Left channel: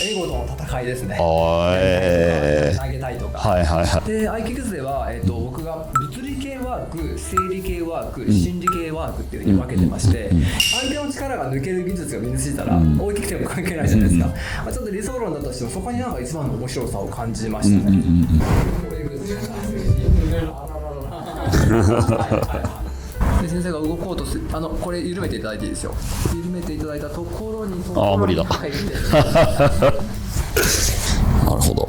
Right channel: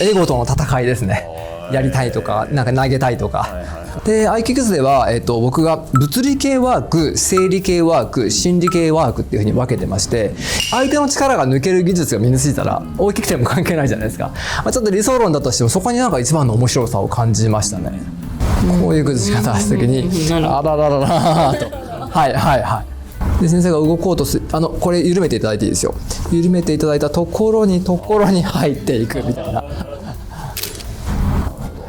エゴとの戦いですね。やりたいとか、なんか投げたいとか。で、合気術では、僕が物理系ワーク、生理系ワーク、心理系ワークっていうふうに分けてまして、相手の力が抜ける技術が身についたら、大きくても関係ないじゃないですか。ちょっと理想論だとしても、そこになんか一番の面白さを感じましたね。こういう崩し方した時に、あらららら、はいはいはい。で先生が動こうとするこれ緩めていただいていいですよ。緩めていただいたところに入っていく。なるほど。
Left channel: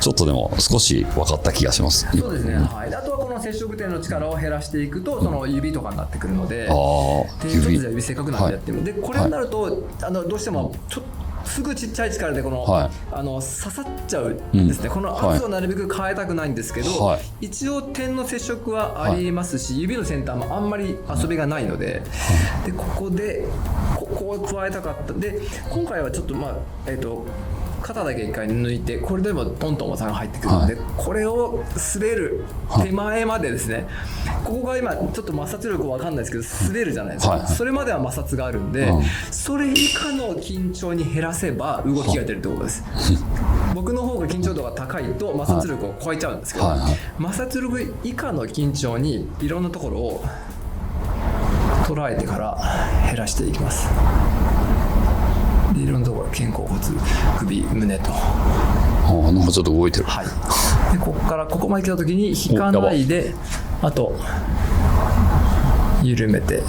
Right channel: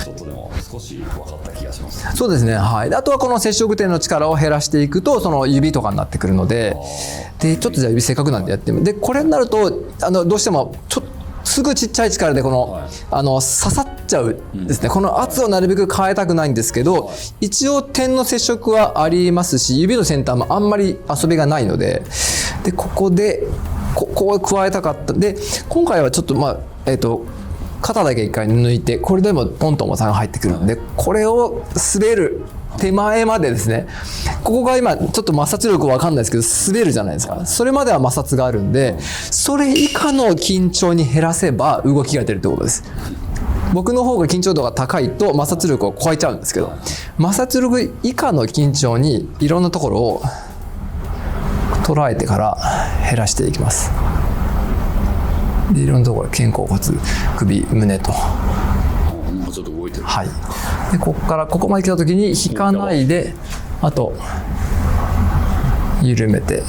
ちょっとでも少し分かった気がします。そうですね、はい。であとはこの接触点の力を減らしていくとその指とかになってくるので、でちょっとじゃあ指せっかくなんでやってみる。でこれになるとどうしてもすぐちっちゃい力でこの、刺さっちゃうんですね。この圧をなるべく変えたくないんですけど、一応点の接触はありますし、指の先端もあんまり遊びがないので、でここでここを加えたかった。で今回はちょっと肩だけ一回抜いて、これでもポンと重さが入ってくるので、これを滑る手前までですね、ここが今ちょっと摩擦力わかんないですけど滑るじゃないですか。それまでは摩擦があるんで、それ以下の緊張に減らせば動きが出るってことです。僕の方が緊張度が高いと摩擦力を超えちゃうんですけど、摩擦力以下の緊張にいろんなところを捉えてから減らしていきます。でいろんなところ、肩甲骨、首、胸と、なんかちょっと動いてる。はい。でここからここまで来た時に引かないで、あと緩めて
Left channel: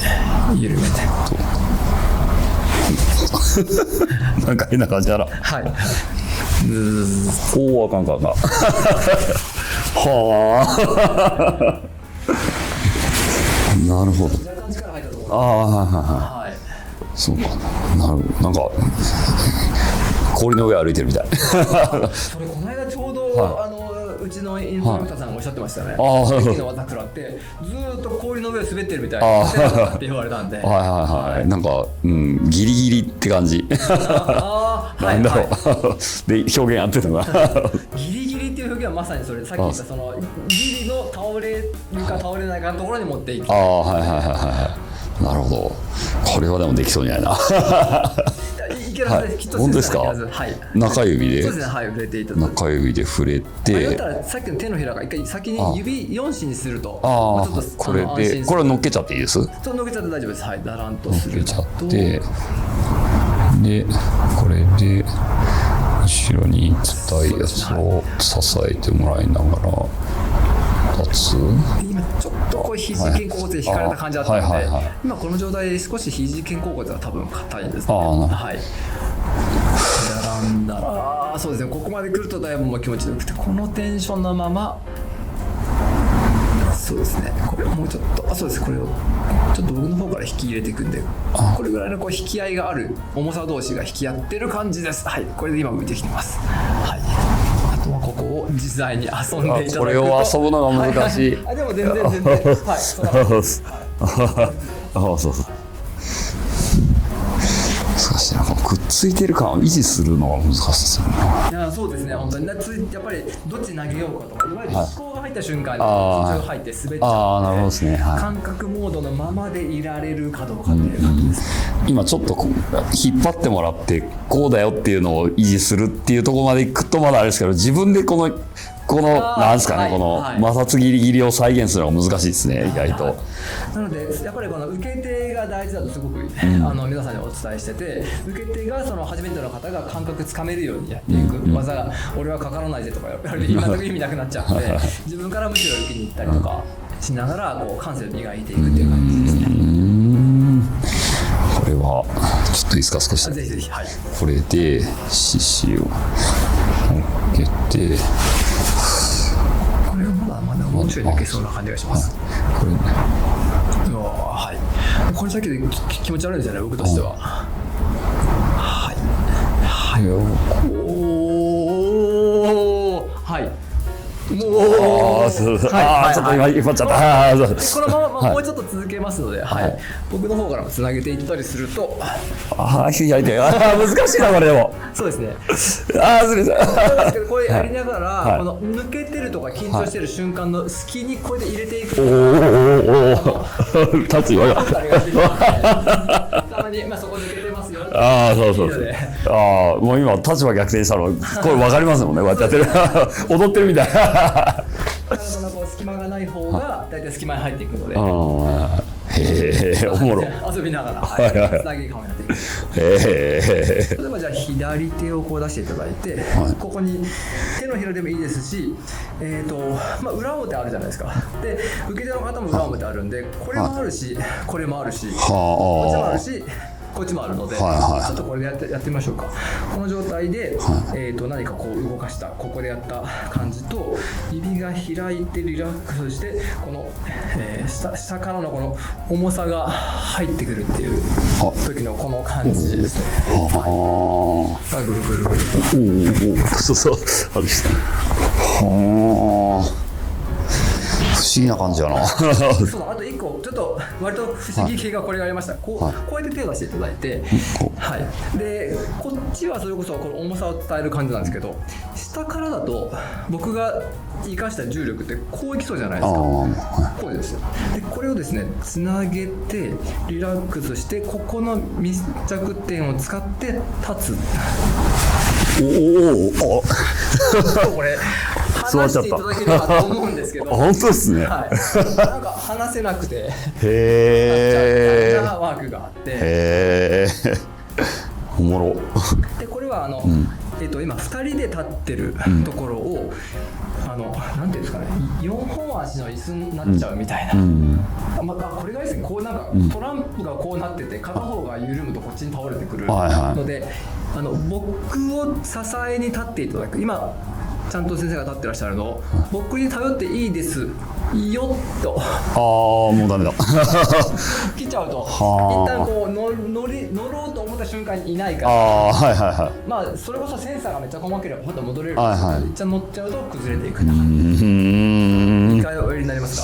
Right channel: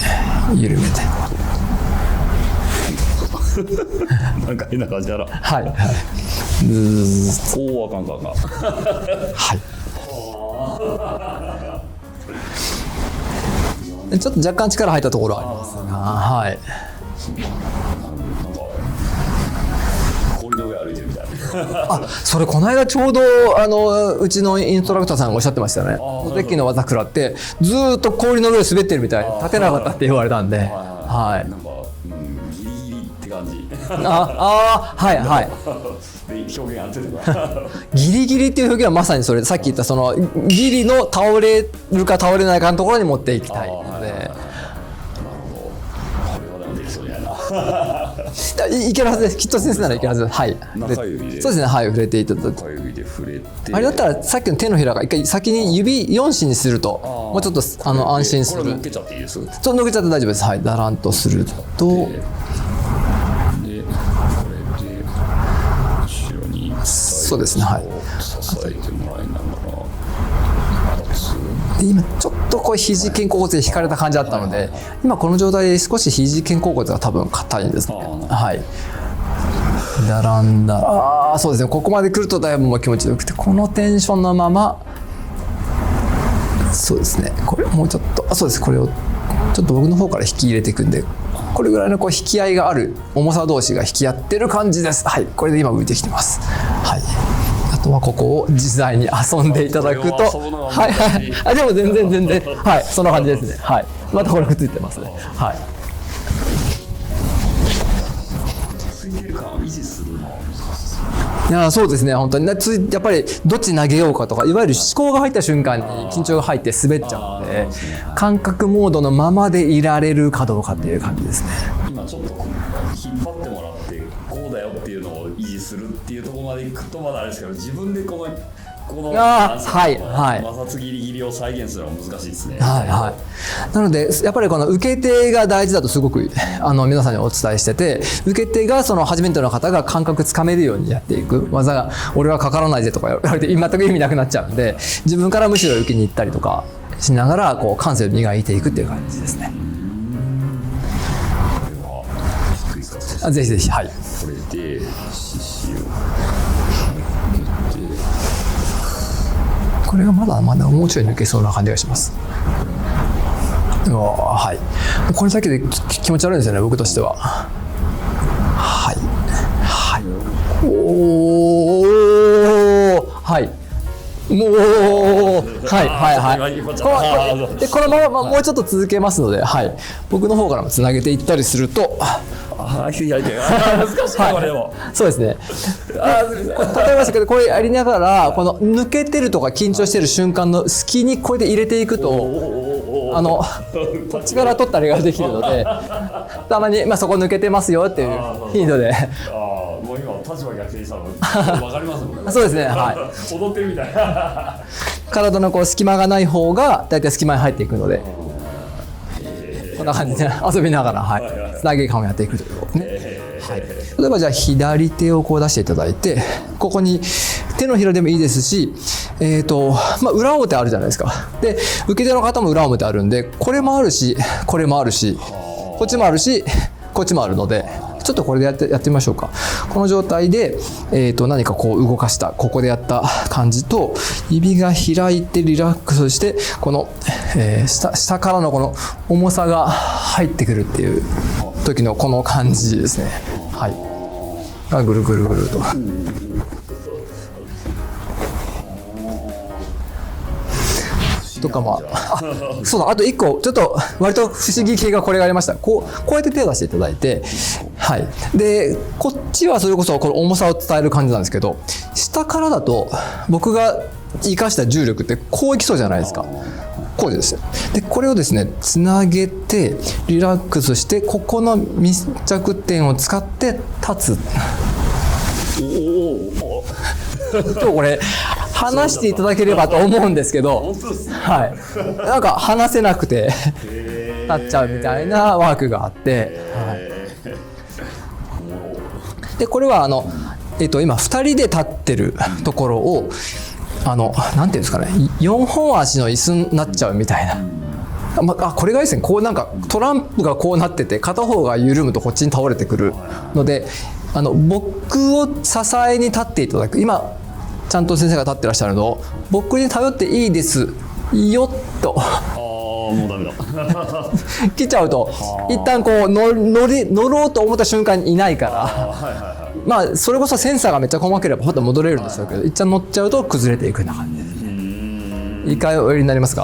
なんか変な感じだな。はい。おお、あかん。はい。はあ。なるほど。ちょっと若干力入ったところは、はい。そうか。なるほど。なんか氷の上歩いてるみたい。それこの間ちょうどうちのインストラクターさんがおっしゃってましたね。ベッキーの技食らってずっと氷の上滑ってるみたいで立てなかったって言われたんで、なんかギリギリって感じ。はいはい。で表現合ってたな。ギリギリっていう表現はまさにそれ、さっき言ったそのギリの倒れるか倒れないかのところに持っていきたい。なるほど。これはでもできそうにないな。いけるはずです。きっと先生ならいけるはず。はい。中指で。そうですね。はい。触れていただいて。中指で触れて。あれだったらさっきの手のひらが一回先に指4指にするともうちょっと安心する。これ乗っけちゃっていいです？ちょっと乗っけちゃって大丈夫です。はい。だらんとすると。でこれで後ろにそうですね。支えてもらいながら。今ちょっとこう肘肩甲骨で引かれた感じだったので、今この状態で少し肘肩甲骨が多分硬いんですね。はい。だらんだ。そうですね。ここまで来るとだいぶ気持ちよくて、このテンションのまま、そうですね。これもうちょっと、そうです。これをちょっと僕の方から引き入れていくんで、これぐらいのこう引き合いがある重さ同士が引き合ってる感じです。はい。これで今浮いてきてます。はい。あとはここを自在に遊んでいただくと、遊ぶのが難しい。でも全然はい、そんな感じです。はい。これくっついてます。はい。難しいな。くっついてる感を維持するのは難しいですよね。いやそうですね。本当にやっぱりどっち投げようかとか、いわゆる思考が入った瞬間に緊張が入って滑っちゃうので、感覚モードのままでいられるかどうかっていう感じですね。今ちょっと引っ張ってもらってこうだよっていうのを維持するっていうところまでいくとまだあれですけど、自分でこのなんですかね、この摩擦ギリギリを再現するのが難しいですね、意外と。なのでやっぱりこの受け手が大事だとすごく皆さんにお伝えしてて、受け手がその初めての方が感覚つかめるようにやっていく技が、俺はかからないぜとか言われて全く意味なくなっちゃうので、自分からむしろ受けに行ったりとかしながらこう感性を磨いていくっていう感じですね。これはちょっといいですか、少し。ぜひぜひ。はい。これで獅子を上げて、これがまだもうちょい抜けそうな感じがします。はい。これだけで気持ち悪いんですよね、僕としては。はいはい。はい。でこのままもうちょっと続けますので、はい。僕の方からもつなげていったりすると、左手難しいなこれでも。そうですね。すみません。わかりますけど、これやりながら、この抜けてるとか緊張してる瞬間の隙にこれで入れていくと、タッチ取ったりができるので、たまにそこ抜けてますよっていう頻度で。もう今立場逆転したのこれ分かりますもんね。そうですね。踊ってるみたいな。体のこう隙間がない方がだいたい隙間に入っていくので。遊びながら、つなぎ感をやっていく。例えばじゃあ左手をこう出していただいて、ここに手のひらでもいいですし、裏表あるじゃないですか。で受け手の方も裏表あるんで、これもあるしこれもあるし、こっちもあるしこっちもあるので、ちょっとこれでやってみましょうか。この状態で、何かこう動かした、ここでやった感じと、指が開いてリラックスして、この、下からのこの重さが入ってくるっていう時のこの感じですね。がぐるぐるぐると。そうそう。不思議な感じだな。そうだ、あと1個ちょっと割と不思議系がこれがありました。こうやって手を出していただいて、でこっちはそれこそこの重さを伝える感じなんですけど、下からだと僕が生かした重力ってこういきそうじゃないですか。こうです。でこれをですねつなげてリラックスして、ここの密着点を使って立つ。これ話していただければと思うんですけど、本当ですね。なんか話せなくて立っちゃうみたいなワークがあって、おもろ。でこれは今2人で立ってるところを、なんていうんですかね、4本足の椅子になっちゃうみたいな。これがですね、こうなんかトランプがこうなってて、片方が緩むとこっちに倒れてくるので、僕を支えに立っていただく。今ちゃんと先生が立ってらっしゃるのを僕に頼っていいですよっと。もうダメだ。来ちゃうと一旦こう乗ろうと思った瞬間にいないから、それこそセンサーがめっちゃ細ければまた戻れるんですけど、一旦乗っちゃうと崩れていくんだ。2回おやりになりますか？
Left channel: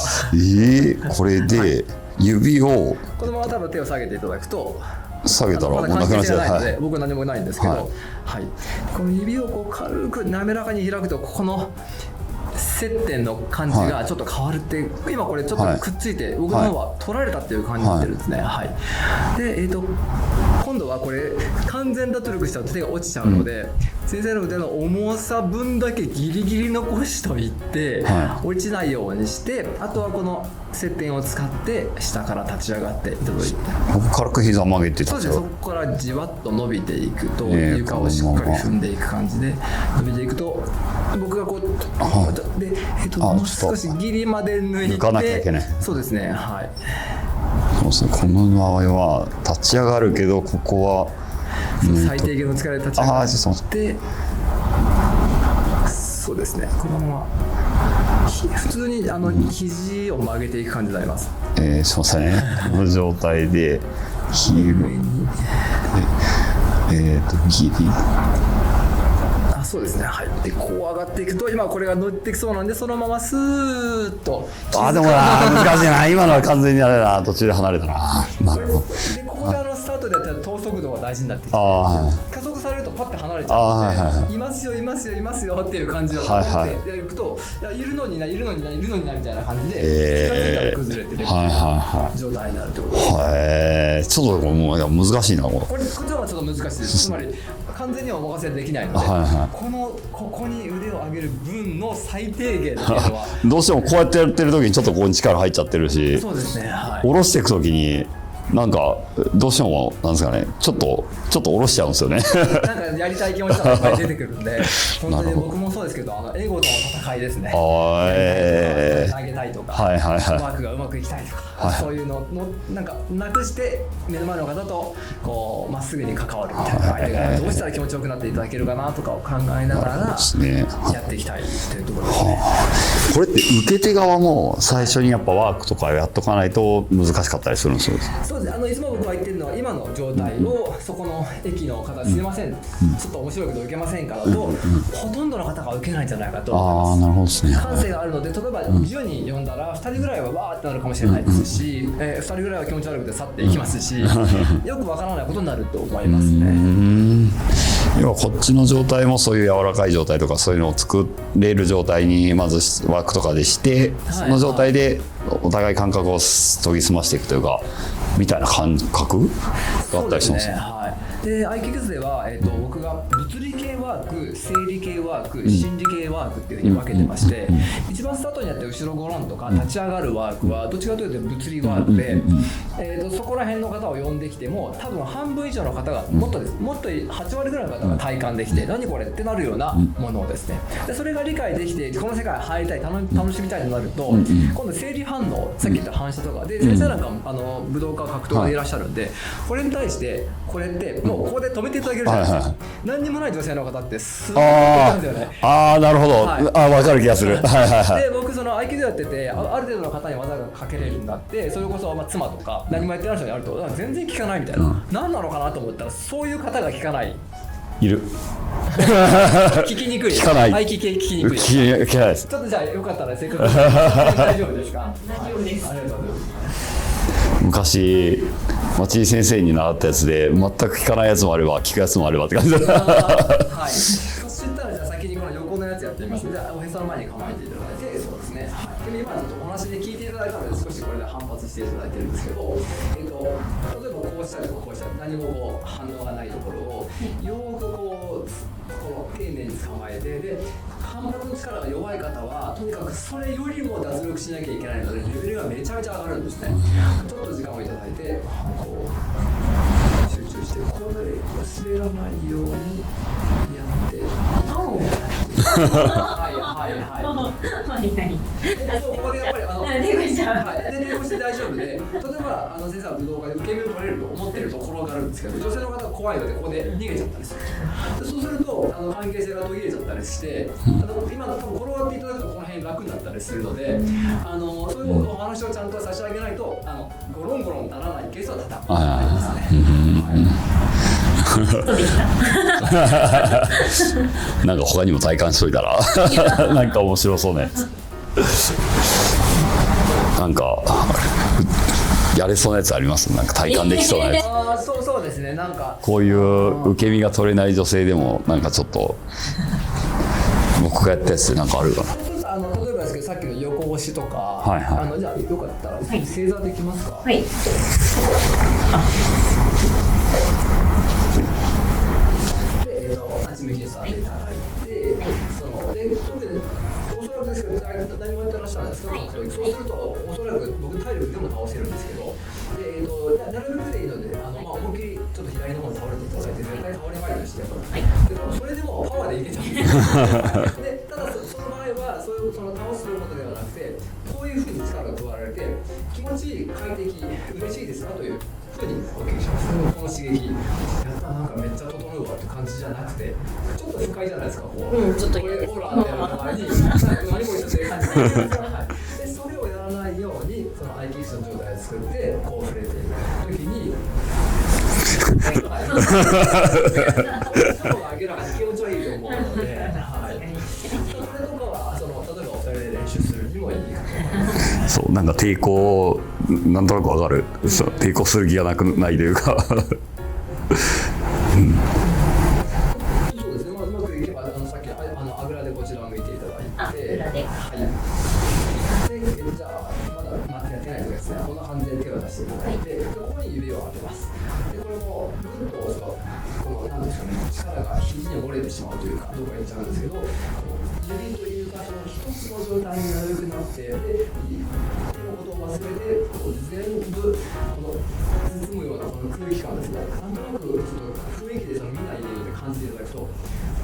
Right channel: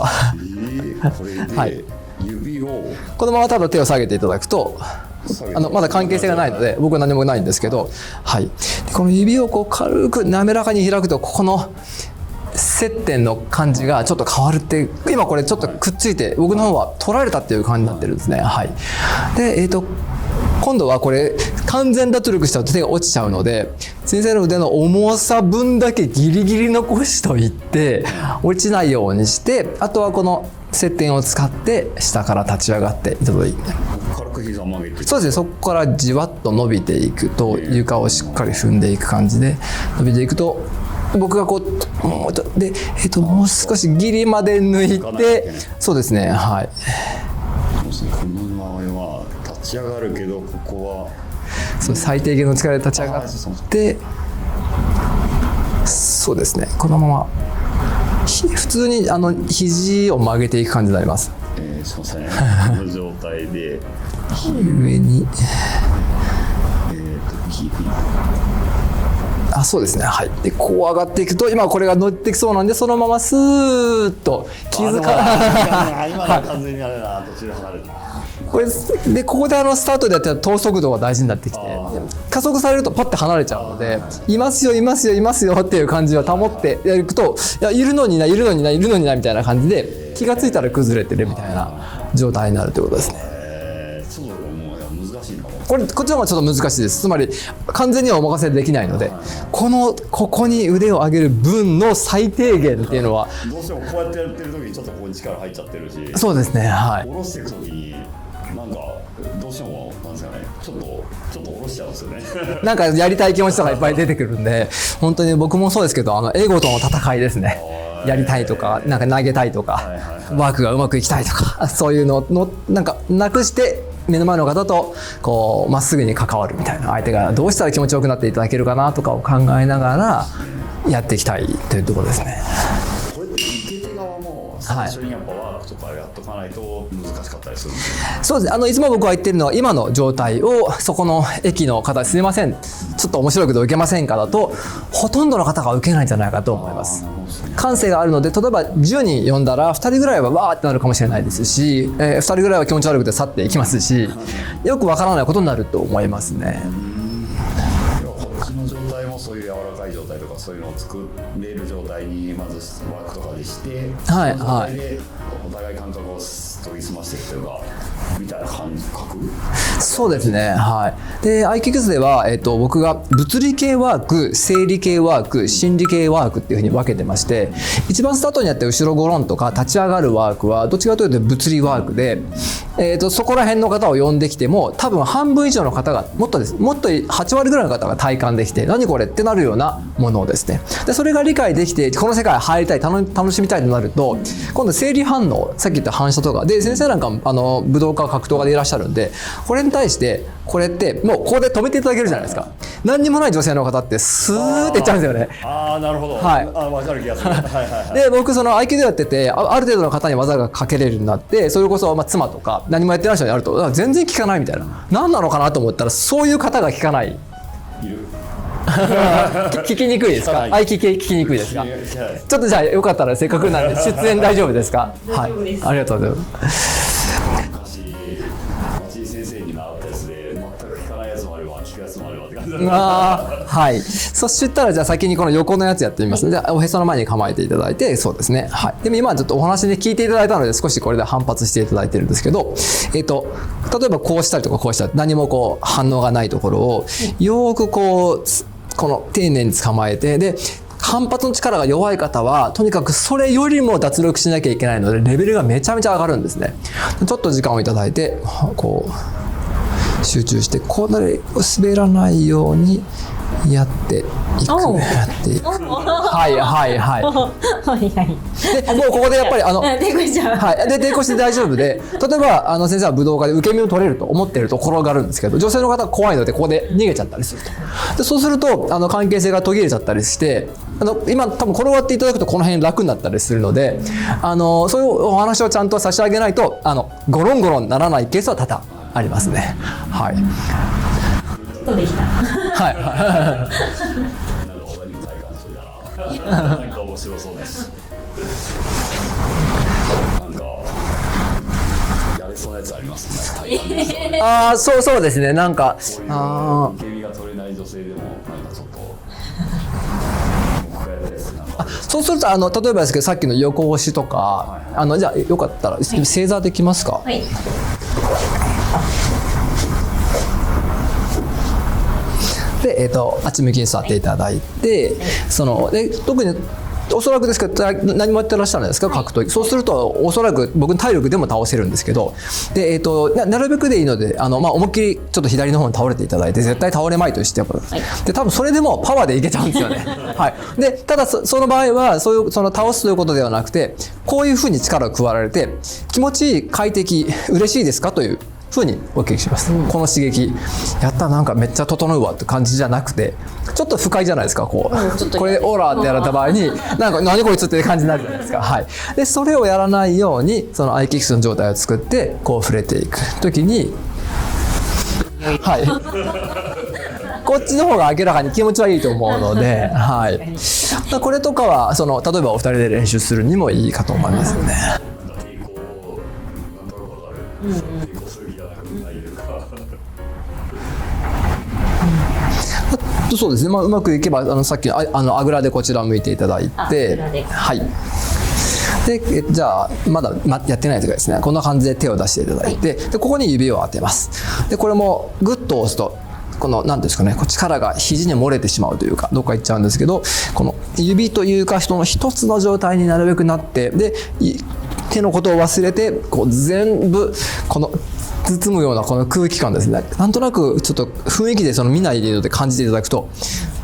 これで指をこのままただ手を下げていただくと、まだ関係性がないので僕は何もないんですけど、この指をこう軽く滑らかに開くと、ここの接点の感じがちょっと変わるって、今これちょっとくっついて僕の方は取られたっていう感じになってるんですね。で今度はこれ完全脱力しちゃうと手が落ちちゃうので、先生の腕の重さ分だけギリギリ残しといて、落ちないようにして、あとはこの接点を使って下から立ち上がっていただいて、軽く膝曲げて、そうですね、そこからじわっと伸びていくと、床をしっかり踏んでいく感じで伸びていくと、僕がこうでもう少しギリまで抜いて、そうですね、この場合は立ち上がるけど、ここは最低限の力で立ち上がって、そうですね、このまま普通に肘を曲げていく感じになります。すいません。この状態で上にギリ、そうですね、でこう上がっていくと、今これが乗ってきそうなんで、そのままスーッとでも今のは完全にあれだな、途中で離れたな。これでここでスタートでやったら等速度が大事になってきて、加速されるとパッて離れちゃうので、いますよいますよいますよっていう感じを保ってやると、いるのにないるのにないるのにないみたいな感じで、気がついたら崩れてるみたいな状態になるということですね。ちょっともう難しいな。こっちの方がちょっと難しいです。つまり完全にはお任せできないので、ここに腕を上げる分の最低限っていうのはどうしてもこうやってやってる時にちょっとここに力入っちゃってるし、そうですね、下ろしていく時になんかどうしてもなんですかね、ちょっと下ろしちゃうんですよね。なんかやりたい気持ちとかいっぱい出てくるんで、本当に僕もそうですけど、エゴとの戦いですね。やりたいとか、なんか投げたいとか、ワークがうまくいきたいとか、そういうのなんかなくして、目の前の方とこうまっすぐに関わるみたいな、相手がどうしたら気持ちよくなっていただけるかなとかを考えながらやっていきたいというところですね。これって受け手側も最初にやっぱワークとかやっとかないと難しかったりするんですよ。そうですね、いつも僕が言ってるのは今の状態をそこの駅の方すみません、ちょっと面白いけど受けませんかだと、ほとんどの方が受けないんじゃないかと思います。なるほどですね。感性があるので、例えば10人呼んだら2人ぐらいはわーってなるかもしれないですし、2人ぐらいは気持ち悪くて去っていきますし、よくわからないことになると思いますね。要はこっちの状態もそういう柔らかい状態とかそういうのを作れる状態にまずワークとかでして、その状態でお互い感覚を研ぎ澄ましていくというかみたいな感覚。そうですね、はい。で iKICS では、僕が物理系ワーク、生理系ワーク、心理系ワークっていうふうに分けてまして、一番スタートにやって後ろゴロンとか立ち上がるワークはどっちかというと物理ワークで、そこら辺の方を呼んできても多分半分以上の方がもっと8割ぐらいの方が体感できて、何これってなるようなものをですね、でそれが理解できてこの世界入りたい、楽しみたいとなると、今度生理反応、さっき言った反射とかで、先生なんか武道家格闘家でいらっしゃるんで、これに対してこれってもうここで止めていただけるじゃないですか。何にもない女性の方ってスーッていっちゃうんですよね。なるほど、分かる気がする。で僕その合気道やってて、ある程度の方に技がかけれるようになって、それこそ妻とか何もやってない人にやると全然効かないみたいな、何なのかなと思ったら、そういう方が効かないいる。聞きにくいですか？聞きにくいですか？聞けないです。ちょっとじゃあよかったらせっかくなら出演大丈夫ですか？はい、ありがとうございます。昔町井先生に習ったやつで全く聞かないやつもあれば聞くやつもあればって感じだった。はい。そしたらじゃあ先にこの横のやつやってみます。じゃあおへその前に構えていただいて、そうですね。はい。でも今ちょっとお話で聞いていただいたので少しこれで反発していただいてるんですけど、例えばこうしたりとかこうしたり、何もこう反応がないところをよーくこの丁寧に捕まえて、で反発の力が弱い方はとにかくそれよりも脱力しなきゃいけないのでレベルがめちゃめちゃ上がるんですね。ちょっと時間をいただいてこう集中して、こう滑らないようにやっていく、はいはいはい。でもうここでやっぱり抵抗しちゃう。はい。で抵抗して大丈夫で、例えば先生は武道家で受け身を取れると思ってると転がるんですけど、女性の方は怖いのでここで逃げちゃったりすると。でそうすると関係性が途切れちゃったりして、今多分転がっていただくとこの辺楽になったりするので、そういうお話をちゃんと差し上げないとゴロンゴロンならないケースは多々ありますね。はい。なんか他にも体感しといたらなんか面白そうね。なんかやれそうなやつあります？なんか体感できそうなやつ。そうですね。なんかこういう受け身が取れない女性でもなんかちょっと僕がやったやつなんかあるよ。そうすると例えばですけど、さっきの横押しとか、じゃあよかったら正座できますか？はい。であっち向きに座っていただいて、で特におそらくですけど何もやってらっしゃるんですか、格闘技。そうするとおそらく僕の体力でも倒せるんですけど、でなるべくでいいので思いっきりちょっと左の方に倒れていただいて、絶対倒れまいとしてで多分それでもパワーでいけちゃうんですよね。はい。でただその場合は倒すということではなくて、こういうふうに力を加えられて気持ちいい、快適、嬉しいですかというふうにお聞きします。この刺激やったらなんかめっちゃ整うわって感じじゃなくて、ちょっと不快じゃないですか。これオーラってやられた場合になんか何こいつって感じになるんですか。はい。でそれをやらないようにそのアイキックスの状態を作ってこう触れていく時にはい、こっちの方が明らかに気持ちはいいと思うので、はい、これとかは例えばお二人で練習するにもいいかと思いますね。そうなんか抵抗なんとなくわかる、抵抗する気がないというかそうですね、うまくいけばさっきあぐらでこちらを向いていただいて、はい。でじゃあまだやってない時はですね、こんな感じで手を出していただいて、でここに指を当てます。でこれもグッと押すと何ですかね、力が肘に漏れてしまうというかどっか行っちゃうんですけど、この指というか人の一つの状態になるべくなって、で手のことを忘れて全部包むようなこの空気感ですね。なんとなくちょっと雰囲気で見ないで感じていただくと、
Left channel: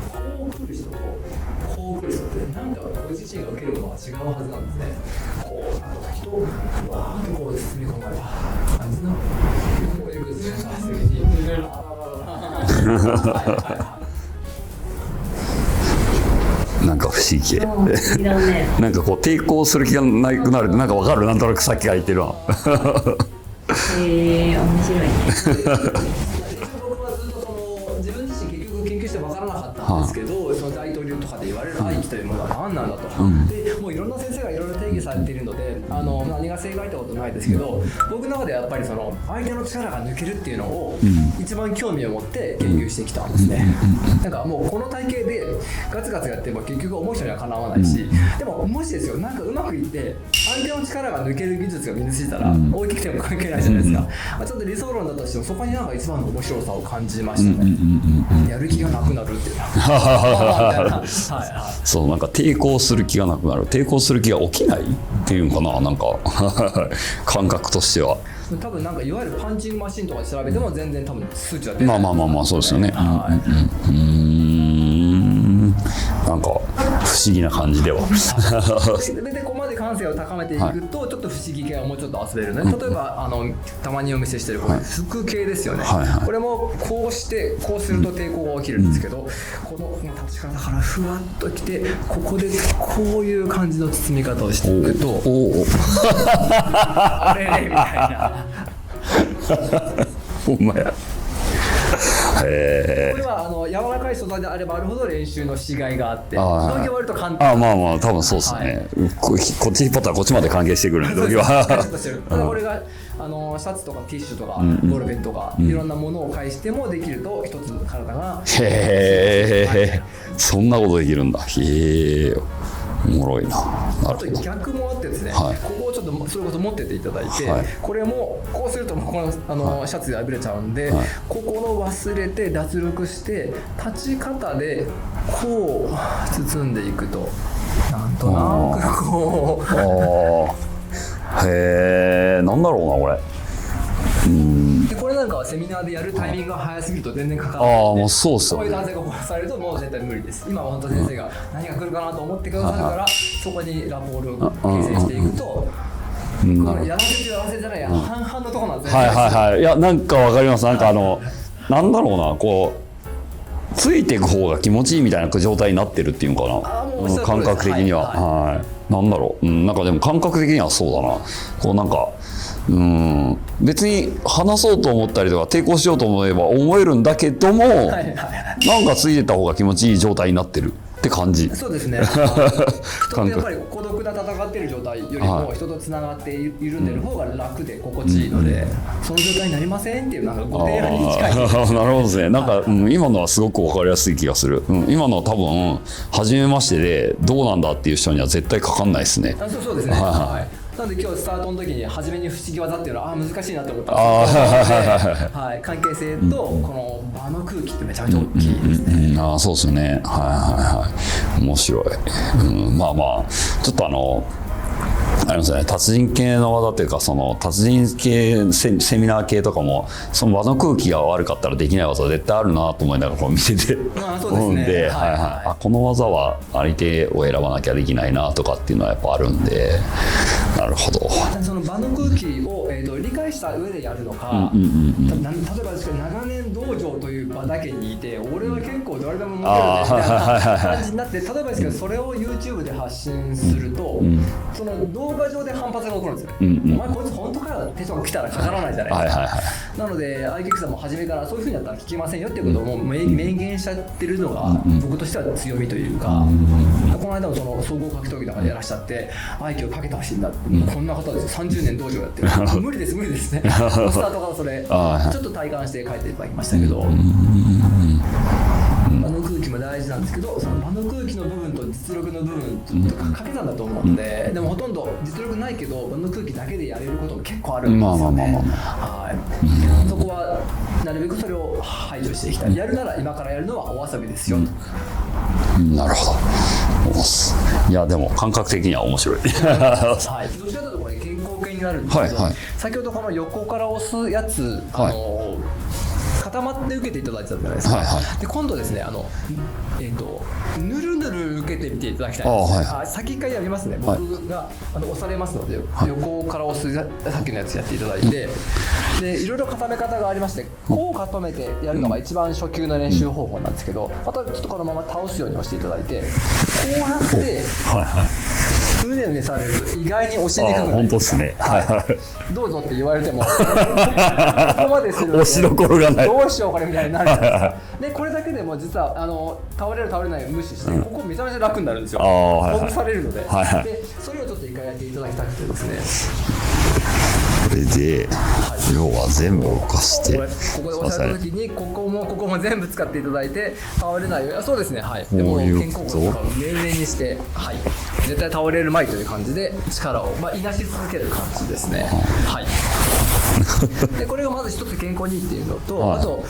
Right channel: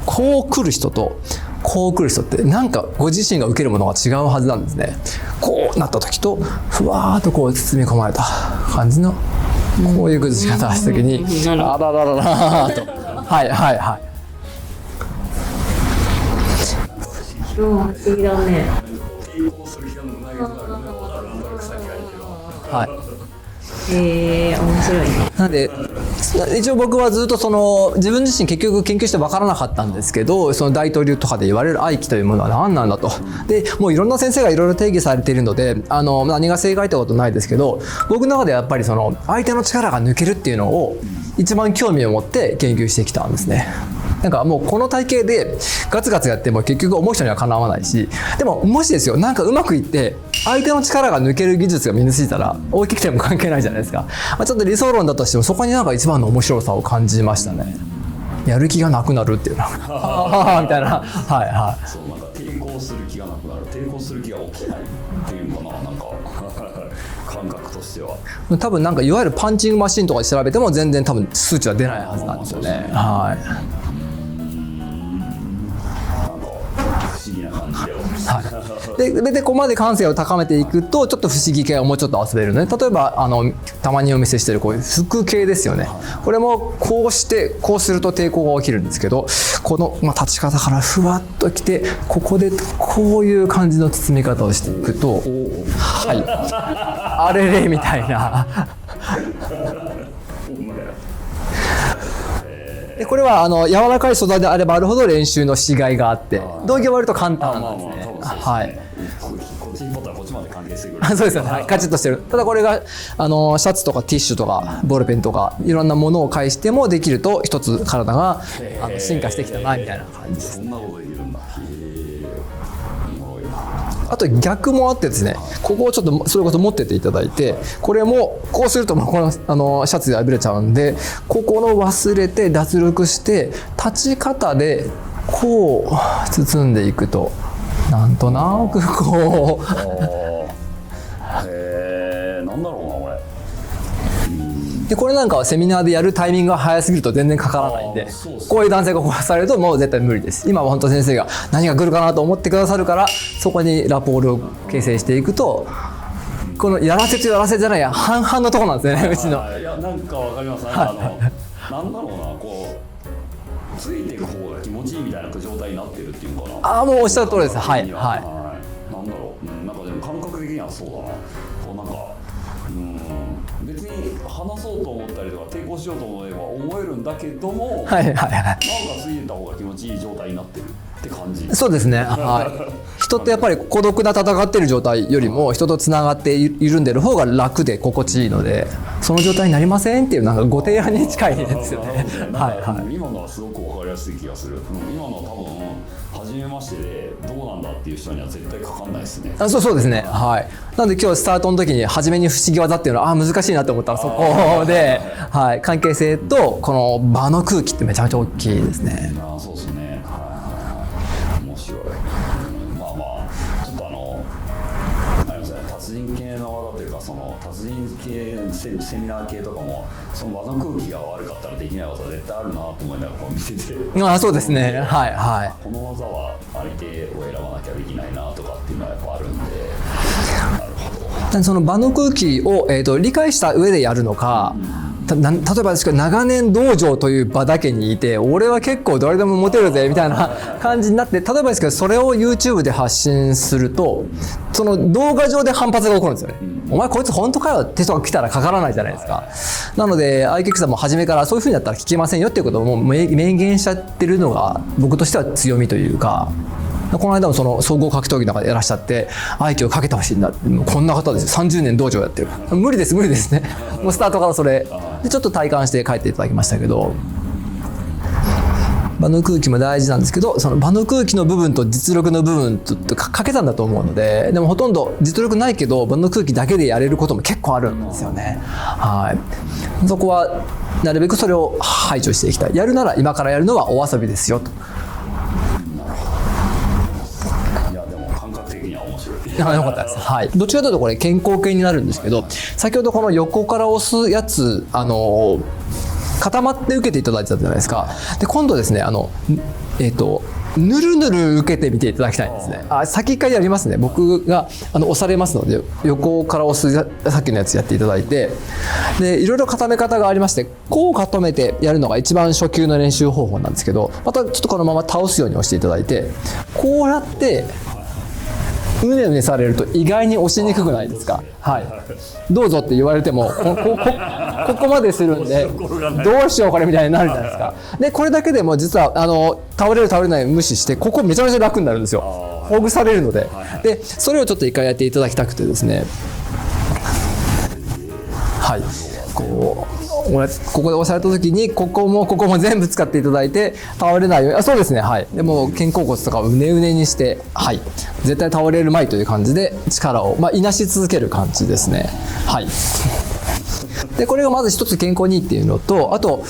こう来る人とこう来る人ってなんかご自身が受けるものが違うはずなんですね。こうなった時とふわーっと包み込まれた感じのこういう崩し方をした時にあららららはいはいはい、なんか不不思議。不思議だね。なんかこう抵抗する気がなくなるってなんかわかる、なんとなくさっきから言ってるわ。面白いね。なんで一応僕はずっとその自分自身結局研究して分からなかったんですけど、その大統領とかで言われる愛機というものは何なんだと、でもういろんな先生がいろいろ定義されているので何が正解ってことないですけど、僕の中でやっぱりその相手の力が抜けるっていうのを一番興味を持って研究してきたんですね。なんかもうこの体系でガツガツやっても結局思う人にはかなわないし、でももしですよ、なんかうまくいって相手の力が抜ける技術が身についたら大きくても関係ないじゃないですか。ちょっと理想論だとしてもそこになんか一番の面白さを感じましたね。やる気がなくなるっていうのみたいな。はいはい。そう、なんか抵抗する気がなくなる、抵抗する気が起きないっていうのかな、なんか感覚としては。多分なんかいわゆるパンチングマシンとかで調べても全然多分数値は出ないはずなんですね。まあそうですよね。はい。なんか不思議な感じではでここまで感性を高めていくと、ちょっと不思議系をもうちょっと遊べるので、例えばたまにお見せしてるこういう腹系ですよね。これもこうしてこうすると抵抗が起きるんですけど、この立ち方からふわっときてここでこういう感じの包み方をしていくとあれれみたいな。ほんまや。これは柔らかい素材であればあるほど練習のしがいがあって、同業は割と簡単。まあ多分そうですね。こっち引っ張ったらこっちまで関係してくる。そうですね。カチッとしてる。ただこれがシャツとかティッシュとかボールペンとかいろんなものを介してもできると一つ体が進化していくみたいな。そんなことできるんだ。へえ。おもろいな。あと逆もあってですね、ここをちょっとそれこそ持ってていただいて、これもこうするともうこのシャツで破れちゃうんで、ここの忘れて脱力して立ち方でこう包んでいくとなんとなくこうへえ、なんだろうなこれ。でこれなんかはセミナーでやるタイミングが早すぎると全然かからないんで、こういう男性がこうされるともう絶対無理です。今は本当先生が何が来るかなと思ってくださるから、そこにラポールを形成していくと、このやらせとやらせじゃないや半々のところなんですね。いやなんかわかります。なんかなんだろうな、こうついていく方が気持ちいいみたいな状態になってるっていうのかな。もうおっしゃる通りです。感覚的には。なんだろう、なんかでも感覚的にはそうだな。こうなんか。別に話そうと思ったりとか抵抗しようと思えば思えるんだけども、なんかついてた方が気持ちいい状態になってるって感じ。そうですね。人ってやっぱり孤独な戦ってる状態よりも人とつながって緩んでる方が楽で心地いいので、その状態になりませんっていうなんかご提案に近いです。なるほどですね。なんか今のはすごく分かりやすい気がする。今のは多分初めましてでどうなんだっていう人には絶対かかんないですね。そうですね。はい。なので今日スタートの時に初めに不思議技っていうのは難しいなと思ったらそこで、関係性とこの場の空気ってめちゃめちゃ大きいですね。そうですね。面白い。まあちょっとありますね、達人系の技というか、その達人系セミナー系とかもその場の空気が悪かったらできない技絶対あるなと思いながらこう見てて、そうですね。この技は相手を選ばなきゃできないなとかっていうのはやっぱあるんで、なるほど。その場の空気を、理解した上でやるのか、例えばですけど長年道場という場だけにいて俺は結構誰でもモテるぜみたいな感じになって、例えばですけどそれを YouTube で発信すると、その動画上で反発が起こるんですよね。お前こいつ本当かよって人が来たらかからないじゃないですか。なのでアイケックさんも初めからそういう風にやったら聞けませんよっていうことをもう明言しちゃってるのが僕としては強みというか、この間もその総合格闘技の中でやらしちゃって愛機をかけてほしいんだ、こんな方ですよ、30年道場やってる無理ですねもうスタートからそれちょっと体感して帰っていただきましたけど、場の空気も大事なんですけど、その場の空気の部分と実力の部分とかけたんだと思うので、でもほとんど実力ないけど場の空気だけでやれることも結構あるんですよね。そこはなるべくそれを排除していきたい。やるなら今からやるのはお遊びですよと。なるほど。いやでも感覚的には面白い。どっちかというとこれ肩甲系になるんですけど、先ほどこの横から押すやつ固まって受けていただいてたじゃないですか。で今度ですねぬるぬる受けてみていただきたいんですね。先一回やりますね。僕が押されますので、横から押すさっきのやつやっていただいて、でいろいろ固め方がありまして、こう固めてやるのが一番初級の練習方法なんですけど、またちょっとこのまま倒すように押していただいて、こうやってうねうねされると意外に押しにくくないですか。どうぞって言われてもここまでするのでどうしようこれみたいになるじゃないですか。でこれだけでも実は倒れる倒れない無視して、ここめちゃめちゃ楽になるんですよ。ほぐされるので。でそれをちょっと一回やっていただきたくてですね、これで要は全部動かして、ここで押された時にここも全部使っていただいて倒れないように、そうですね、でも肩甲骨とかを上にして、絶対倒れるまいという感じで力をいなし続ける感じですね。でこれがまず一つ健康にいいっていうのと、あと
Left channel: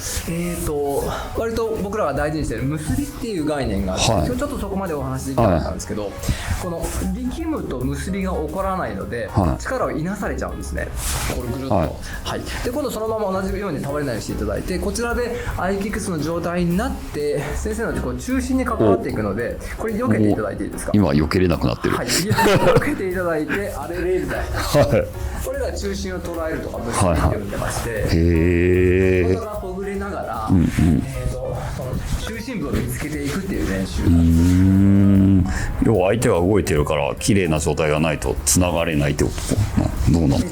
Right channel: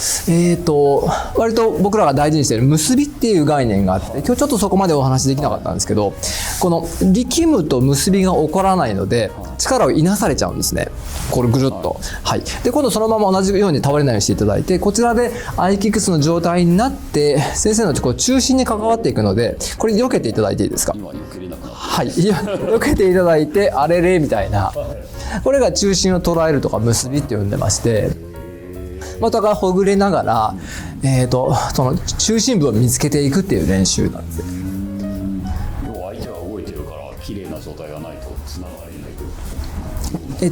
割と僕らが大事にしている結びっていう概念があって、今日ちょっとそこまでお話できなかったんですけど、この力むと結びが起こらないので力をいなされちゃうんですね。これぐるっと。で今度そのまま同じように倒れないようにしていただいて、こちらでアイキックスの状態になって先生のこう中心に関わっていくので、これ避けていただいていいですか。今避けれなくなってる。避けていただいて、あれれみたいな、これが中心を捉えるとか結びって呼んでまして、お互いほぐれながらその中心部を見つけていくっていう練習なんです。要は相手が動いてるから綺麗な状態がないとつながれないってこと。どうなの？そうで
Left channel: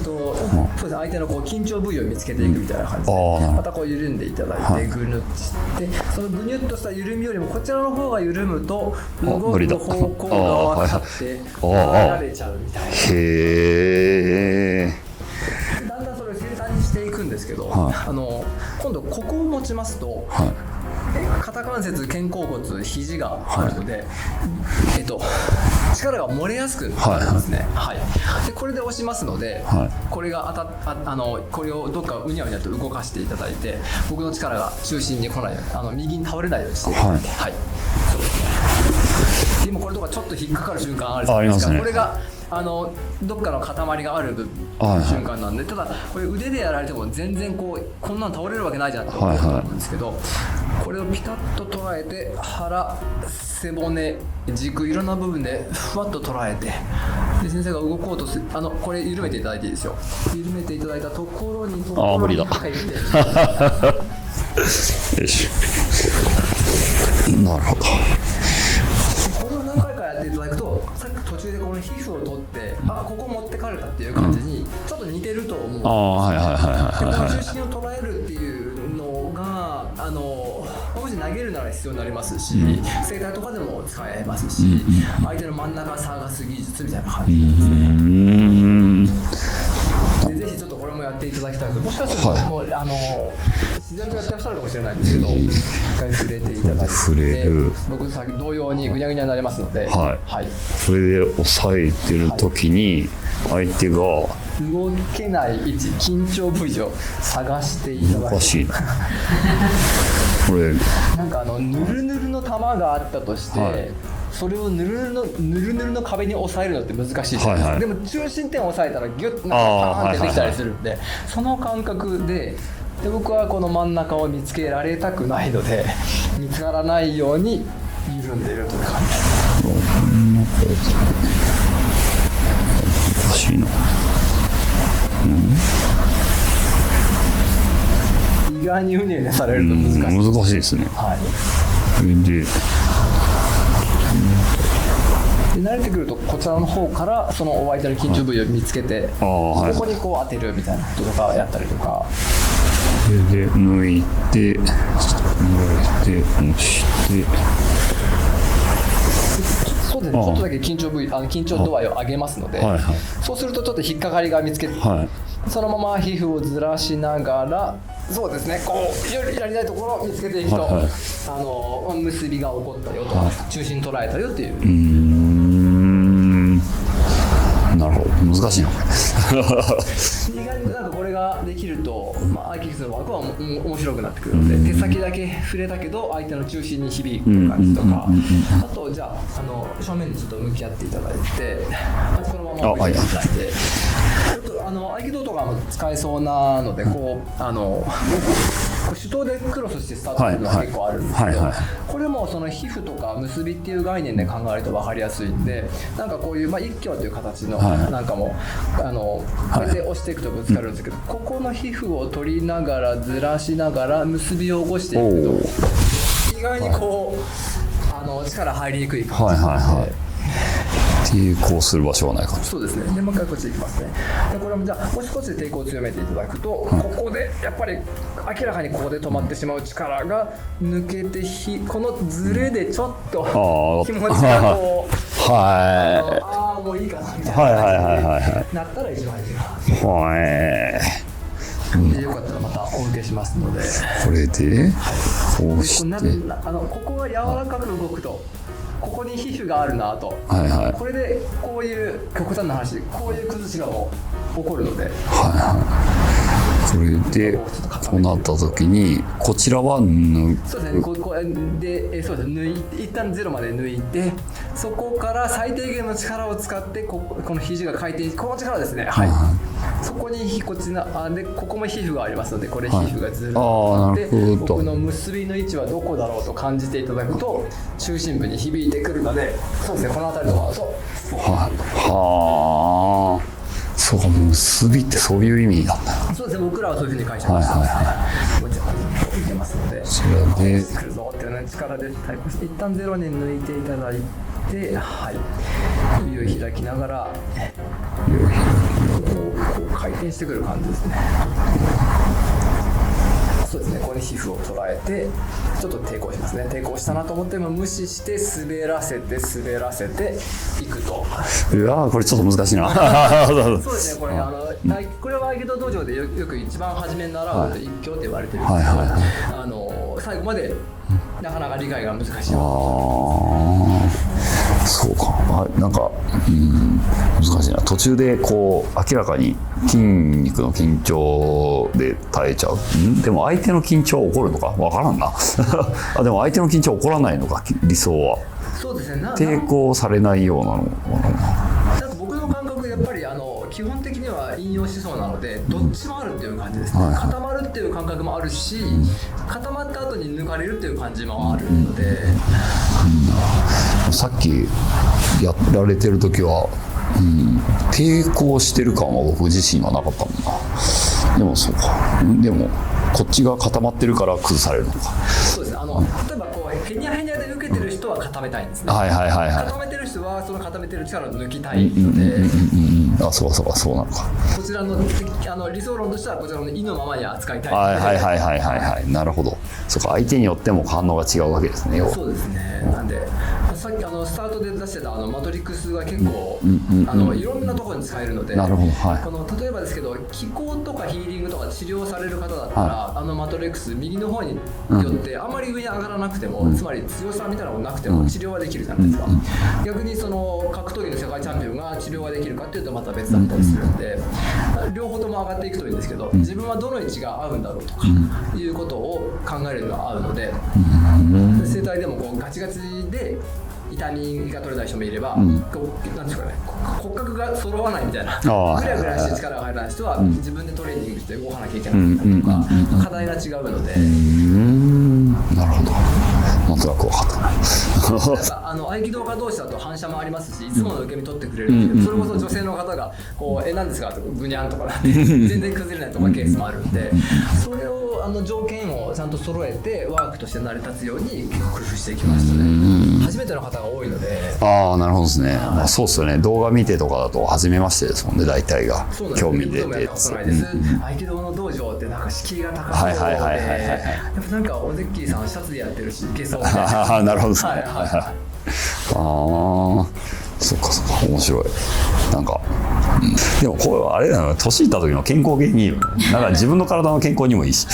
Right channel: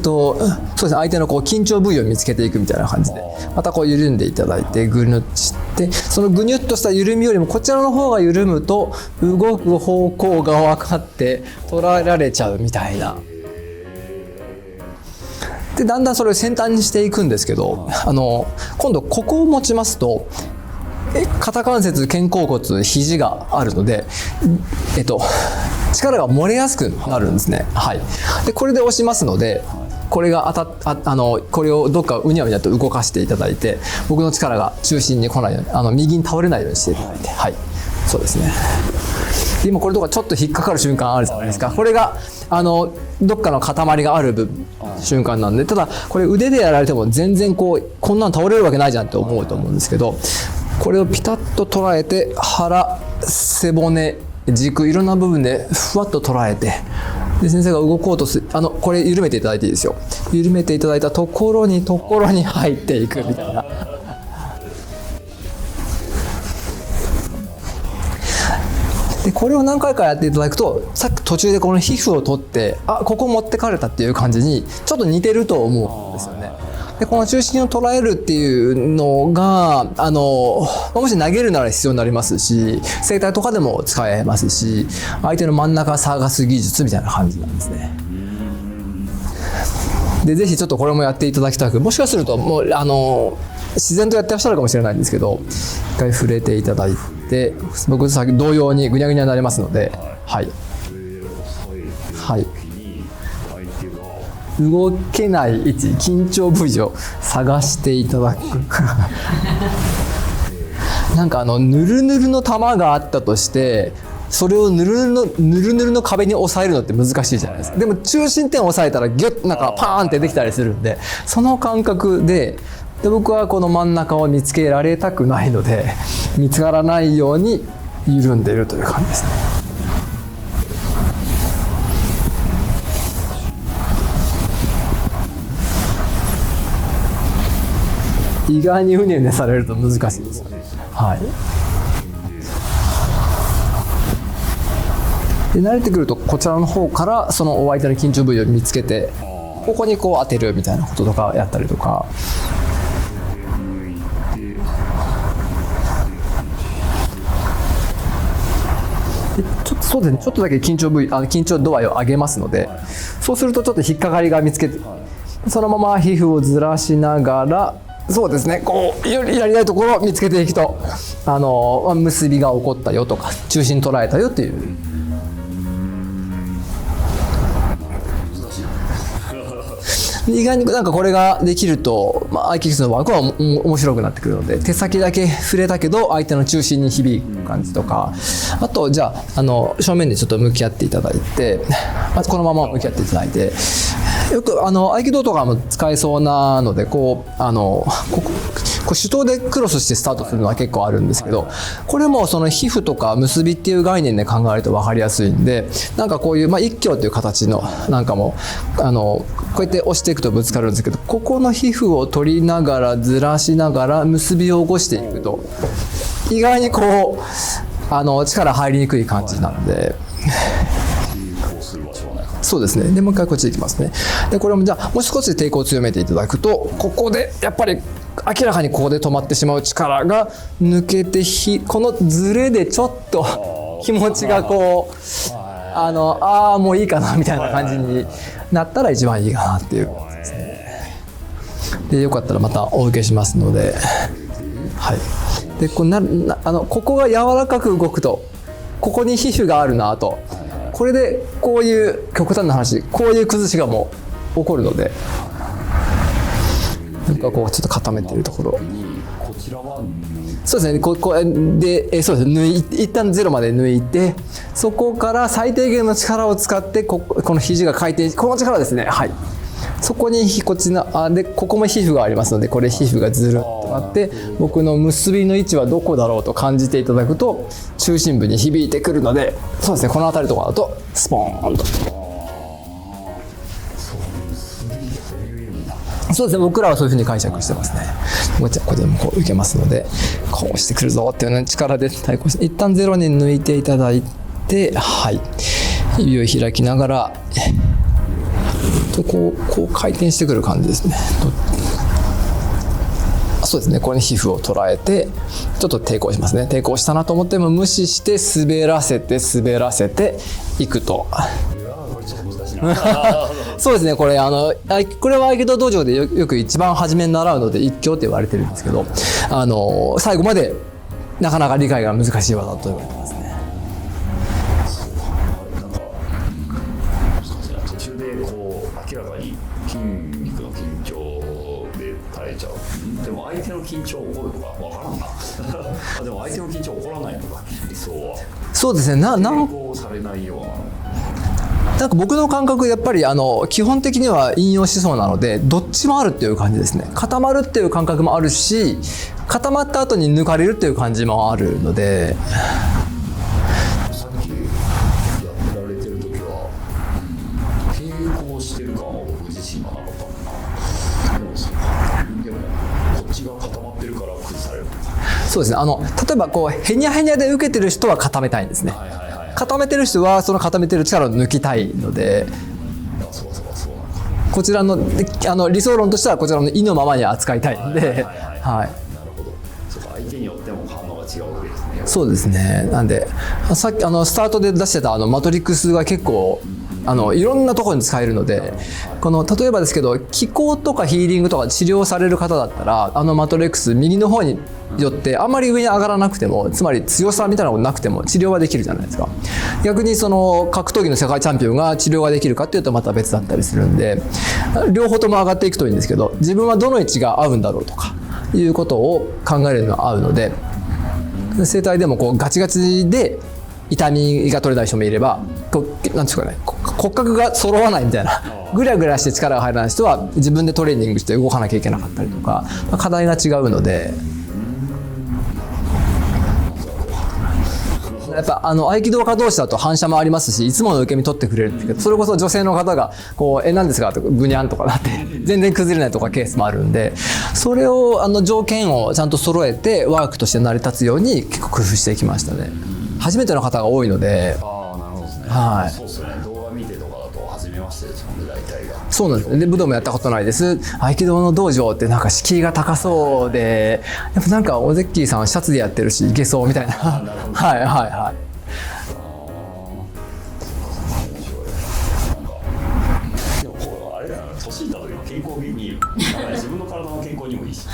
すね、相手のこう緊張部位を見つけていくみたいな感じで、またこう緩んでいただいてぐにゅっとして、そのぐにゅっとした緩みよりもこちらの方が緩むと動く方向が分かって捉えられちゃうみたいな。でだんだんそれを先端にしていくんですけど、今度ここを持ちますと、肩関節、肩甲骨、肘があるので、力が漏れやすくなるんですね。でこれで押しますので、これがこれをどっかうにゃうにゃと動かしていただいて、僕の力が中心に来ないように、右に倒れないようにしていく。そうですね。で今これとかちょっと引っかかる瞬間あるじゃないですか。これがどっかの塊がある瞬間なんで、ただこれ腕でやられても全然こんなの倒れるわけないじゃんと思うと思うんですけど、これをピタッと捉えて、腹、背骨、軸、いろんな部分でふわっと捉えて、で先生が動こうとする、これ緩めていただいていいですよ。緩めていただいたところに入っていくみたいな。よし。なるほど。でこれを何回かやっていただくと、さっき途中でこの皮膚を取ってここ持ってかれたっていう感じにちょっと似てると思うんですよね。でこの中心を捉えるっていうのがもし投げるなら必要になりますし、整体とかでも使えますし、相手の真ん中探す技術みたいな感じなんですね。でぜひちょっとこれもやっていただきたく、もしかするともう自然とやってらっしゃるかもしれないんですけど、一回触れていただいて、僕さっき同様にぐにゃぐにゃになりますので、それで押さえてる時に相手が動けない位置、緊張部位を探していただく。これなんかぬるぬるの玉があったとして、それをぬるぬるの壁に押さえるのって難しいじゃないですか。でも中心点を押さえたらギュッなんかパーンってできたりするんで、その感覚で僕はこの真ん中を見つけられたくないので、見つからないように緩んでいるという感じですね。意外にうねうねされると難しいです。難しいですね。で慣れてくるとこちらの方からそのお相手の緊張部位を見つけて、ここにこう当てるみたいなこととかやったりとか。で抜いて押してそうですね、ちょっとだけ緊張度合いを上げますので、そうするとちょっと引っかかりが見つけて、そのまま皮膚をずらしながら、そうですね、こうやりたいところを見つけていくと、結びが起こったよとか、中心捉えたよっていう。なるほど、難しいな。意外になんかこれができると、アイキックスの枠は面白くなってくるので、手先だけ触れたけど相手の中心に響く感じとか、あとじゃあ正面でちょっと向き合っていただいて、このまま向き合っていただいて、よく合気道とかも使えそうなので、ここう手刀でクロスしてスタートするのは結構あるんですけど、これもその皮膚とか結びっていう概念で考えると分かりやすいんで、なんかこういう、一挙という形のなんかもこうやって押していくとぶつかるんですけど、ここの皮膚を取りながらずらしながら結びを起こしていくと意外にこう力入りにくい感じなので。抵抗する場所はないかな。そうですね。でもう一回こっち行きますね。でこれもじゃあもう少し抵抗を強めていただくと、ここでやっぱり明らかにここで止まってしまう力が抜けてこのズレでちょっと気持ちがこうもういいかなみたいな感じになったら一番いいかなっていう。でよかったらまたお受けしますので。これで、ここが柔らかく動くと。ここに皮膚があるなと、これでこういう極端な話こういう崩しがもう起こるので、これでこうちょっと固めてなった時にこちらはそうですね、そうですね、一旦ゼロまで抜いて、そこから最低限の力を使ってこの肘が回転し、この力ですね、そこにこっちのでここも皮膚がありますので、これ皮膚がずるっとなって、僕の結びの位置はどこだろうと感じていただくと中心部に響いてくるので、そうですね、この辺りとかだとスポーンと。そうか、結びってそういう意味なんだ。そうですね、僕らはそういうふうに解釈してますね。こっちはここでもこういけますので、こうしてくるぞっていうね、力で対抗して、一旦ゼロに抜いていただいて、指を開きながらこう回転してくる感じですね。そうですね、これに皮膚を捉えてちょっと抵抗しますね。抵抗したなと思っても無視して滑らせていくと。これちょっと難しいな。そうですね、これこれは合気道道場でよく一番初めに習うので一挙って言われてるんですけど、最後までなかなか理解が難しい技だと思いますね。そうか、なんか、難しいな。途中でこう明らかに筋肉の緊張で耐えちゃう。でも相手の緊張起こるのか分からんな。でも相手の緊張起こらないのか、理想は。そうですね、抵抗されないようなの。なんか僕の感覚、やっぱり基本的には引用思想なのでどっちもあるっていう感じですね。固まるっていう感覚もあるし、固まった後に抜かれるっていう感じもあるので、さっきやられてる時は、抵抗してる感は僕自身はなかったもんな。でもそうか。でもこっちが固まってるから崩されるのか。そうですね。例えばこうへにゃへにゃで受けてる人は固めたいんですね。固めてる人はその固めてる力を抜きたいので。そうなのか。こちらの理想論としてはこちらの意のままに扱いたいので。なるほど。そうか、相手によっても反応が違うわけですね。そうですね。なんでさっきスタートで出してたマトリックスが結構いろんなところに使えるので、例えばですけど気功とかヒーリングとか治療される方だったら、マトリックス右の方によってあんまり上に上がらなくても、つまり強さみたいなのがなくても治療はできるじゃないですか。逆にその格闘技の世界チャンピオンが治療ができるかっていうとまた別だったりするんで、両方とも上がっていくといいんですけど、自分はどの位置が合うんだろうとかいうことを考えるのが合うので、整体でもこうガチガチで痛みが取れない人もいれば、なんですかね、骨格が揃わないみたいな、グラグラして力が入らない人は自分でトレーニングして動かなきゃいけなかったりとか、課題が違うので。なるほど。なんとなく分かった。やっぱ合気道家同士だと反射もありますし、いつもの受け身取ってくれるんだけど、それこそ女性の方がこう何ですかとかブニャンとかなって全然崩れないとかケースもあるんで、それを条件をちゃんと揃えてワークとして成り立つように結構工夫していきましたね。初めての方が多いので。なるほどですね。そうですよね。動画見てとかだと初めましてですもんね、大体が。そうなんですね。武道もやったことないです。合気道の道場ってなんか敷居が高そうで、やっぱなんかオゼッキーさんシャツでやってるしいけそうみたいな。なるほど。そっか面白い。なんか、でもこれはあれだな、年いった時の健康にいいよ。なんか自分の体の健康にもいいし。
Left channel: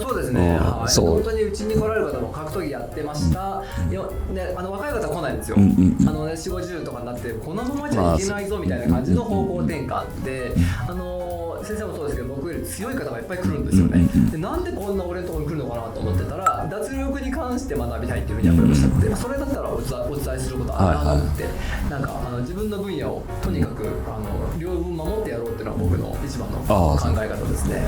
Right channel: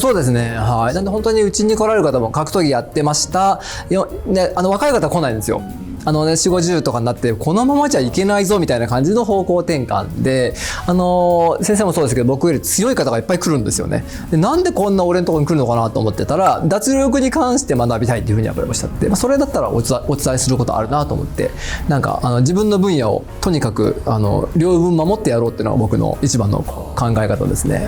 そうですね。だって本当にうちに来られる方も格闘技やってました。若い方は来ないんですよ。4、50とかになってこのままじゃいけないぞみたいな感じの方向転換で、先生もそうですけど僕より強い方がいっぱい来るんですよね。でなんでこんな俺のところに来るのかなと思ってたら、脱力に関して学びたいっていうふうにやっぱりおっしゃって、それだったらお伝えすることあるなと思って。なんか自分の分野をとにかく両分守ってやろうっていうのが僕の一番の考え方ですね。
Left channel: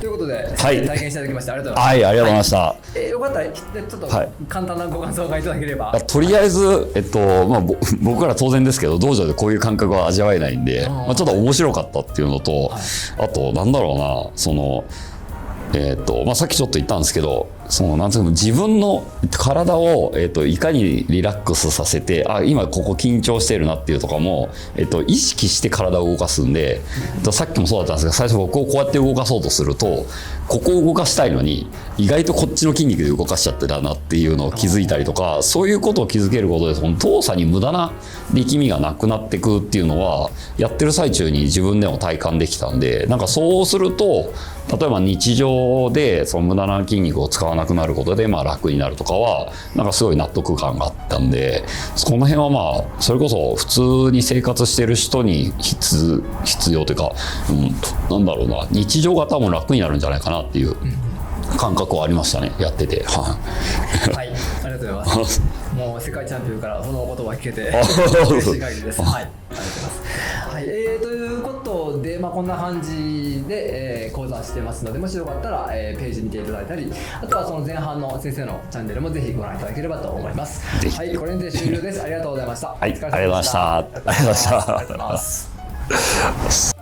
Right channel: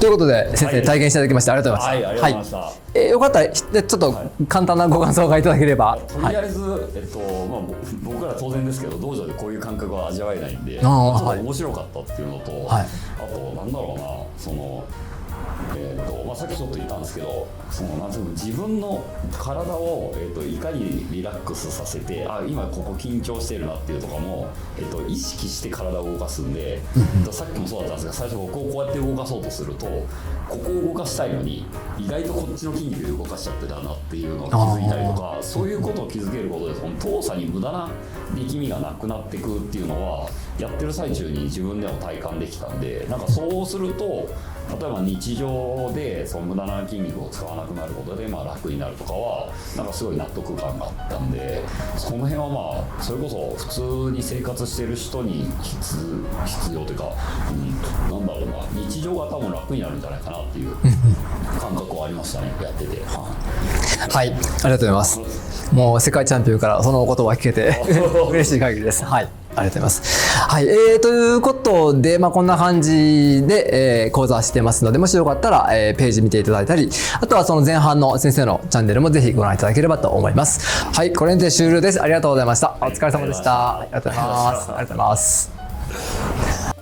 ということで、先生体験していただきましてありがとうございました。はい、ありがとうございました。よかったらでちょっと簡単なご感想がいただければ。とりあえず、僕ら当然ですけど道場でこういう感覚は味わえないんで、ちょっと面白かったっていうのと、あとなんだろうな、そのさっきちょっと言ったんですけど、なんていうか自分の体を、いかにリラックスさせて、今ここ緊張してるなっていうとかも、意識して体を動かすんで、さっきもそうだったんですが、最初僕をこうやって動かそうとすると、ここを動かしたいのに意外とこっちの筋肉で動かしちゃってたなっていうのを気づいたりとか、そういうことを気づけることで、その動作に無駄な力みがなくなってくっていうのはやってる最中に自分でも体感できたんで、なんかそうすると例えば日常でその無駄な筋肉を使わなくなることで楽になるとかはなんかすごい納得感があったんで、この辺はそれこそ普通に生活してる人に必要というか、なんだろうな、日常が多分楽になるんじゃないかなっていう感覚はありましたね、やってて。はい、ありがとうございます。もう世界チャンピオンからその言葉聞けて嬉しい限りです。はい、ありがとうございます。はい、ということで、こんな感じで、講座してますので、もしよかったら、ページ見ていただいたり、あとはその前半の先生のチャンネルもぜひご覧いただければと思います。はい、これにて終了です。ありがとうございました。お疲れ様でした。ありがとうございました。ありがとうございます。